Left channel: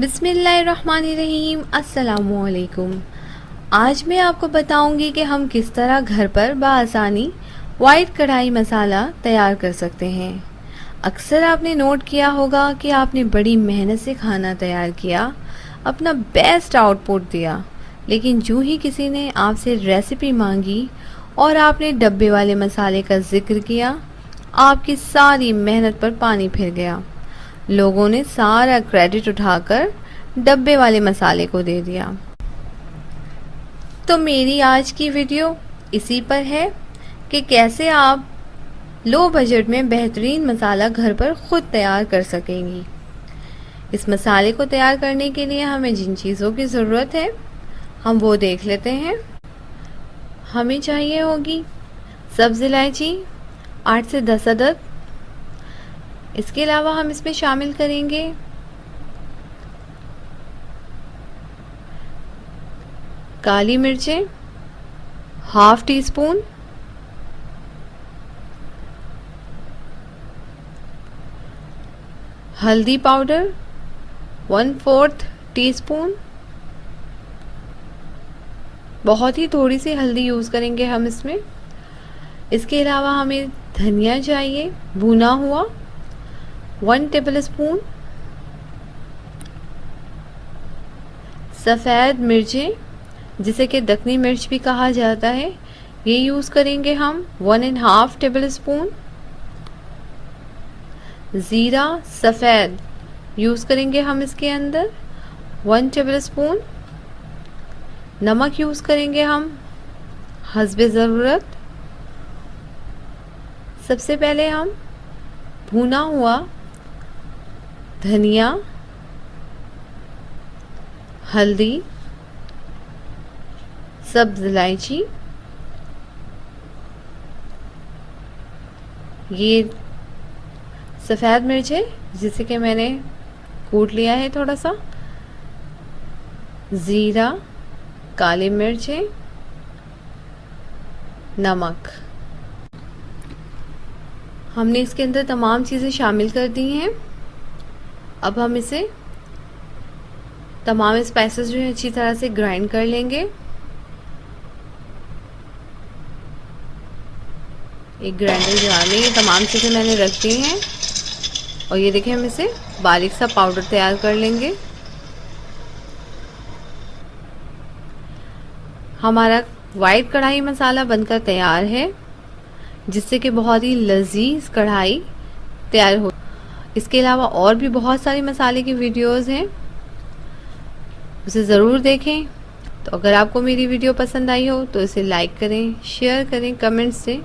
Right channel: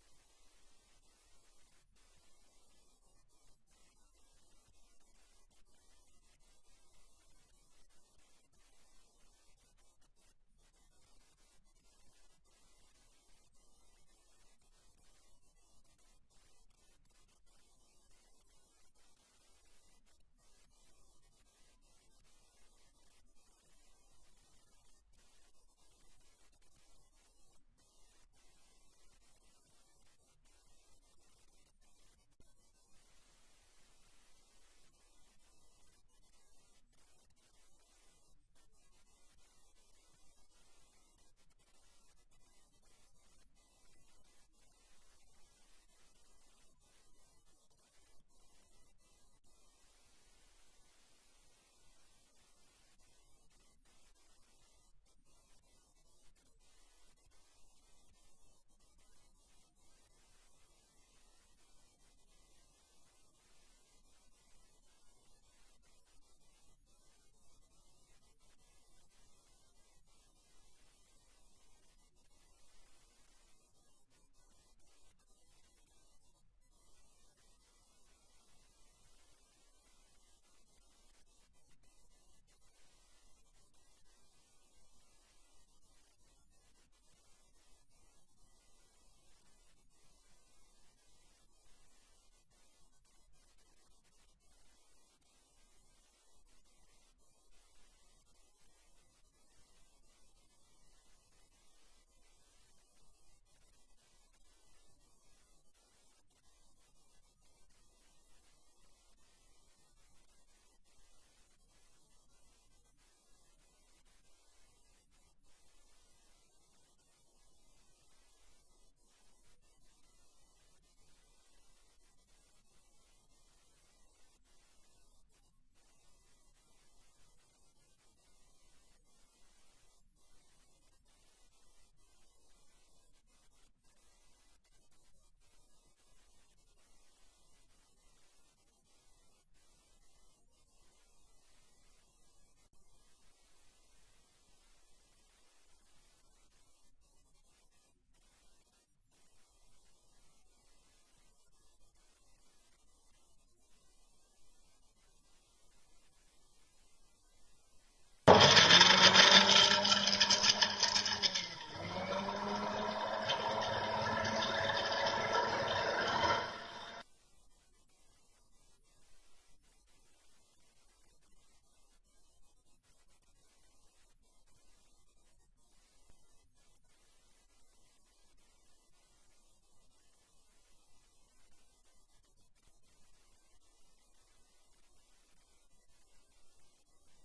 बिस्मिल्लाहिर्रहमानिर्रहीम। अस्सलामुअलैकुम। आज मैं आपको बताऊंगी कि हम किस तरह घर पर बआसानी वाइट कढ़ाई मसाला तैयार कर सकते हैं। अक्सर आपने नोट किया होगा कि आपने बड़ी मेहनत से खाना तैयार किया, अपना बेस्ट आउटपुट दिया, लेकिन जो ही किसी ने आपसे रेसिपी मांगी और आपने डब्बे वाले मसाले का जिक्र किया, आपकी सारी मेहनत पर पानी फिर गया। लोगों ने सारा क्रेडिट उठाकर डब्बे वाले मसाले को दे दिया। तो मेरी आज की वीडियो इसी पर है कि कैसे आप लो बजट में बेहतरीन मसाला घर पर खुद तैयार कर सकेंगी। इस मसाले को तैयार करने के लिए हमें जिन चीज़ों की ज़रूरत है हम वो देख लेते हैं। हमें चाहिए होगी सब्ज़ इलायची 8 से 10 अदद। इसके अलावा हम इसमें शामिल करेंगे काली मिर्चें ½ टीस्पून, हल्दी पाउडर 1/4 टीस्पून। बहुत ही थोड़ी सी हल्दी यूज़ करेंगे हम इसमें। इसके अलावा हमें धनिया चाहिए भुना हुआ 1 टेबलस्पून, सफ़ेद मिर्चें जिसे कि दक्कनी मिर्च भी कहा जाता है, ये यूज़ करेंगे हम 1½ टेबलस्पून। ज़ीरा सफ़ेद यूज़ करेंगे हम इसके अंदर 1 टेबलस्पून। नमक यूज़ करेंगे हम हस्बे ज़रूरत। सबसे पहले हम भुना हुआ धनिया, हल्दी, सब्ज़ इलायची, ये सफ़ेद मिर्च है जिसे कि मैंने कूट लिया है थोड़ा सा, ज़ीरा, काली मिर्चें, नमक। हमने इसके अंदर तमाम चीज़ें शामिल कर दी हैं। अब हम इसे तमाम स्पाइसेस जो है अच्छी तरह से ग्राइंड कर लेंगे। एक ग्राइंडर जार में ये तमाम चीज़ें मैंने रख दी हैं और ये देखिए हम इसे बारीक सा पाउडर तैयार कर लेंगे। हमारा वाइट कढ़ाई मसाला बनकर तैयार है, जिससे कि बहुत ही लजीज कढ़ाई तैयार हो। इसके अलावा और भी बहुत सारी मसाले की वीडियोस हैं, उसे ज़रूर देखें। तो अगर आपको मेरी वीडियो पसंद आई हो तो इसे लाइक करें, शेयर करें, कमेंट्स दें।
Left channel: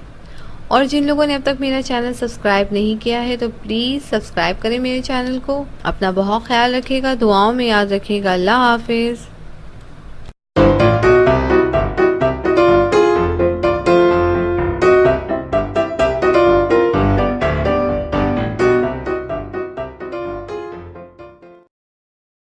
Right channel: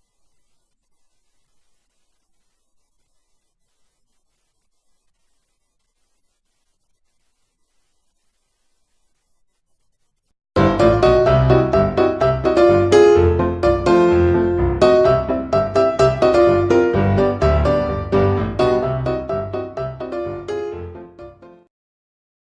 और जिन लोगों ने अब तक मेरा चैनल सब्सक्राइब नहीं किया है तो प्लीज़ सब्सक्राइब करें मेरे चैनल को। अपना बहुत ख्याल रखिएगा, दुआओं में याद रखिएगा। अल्लाह हाफिज़।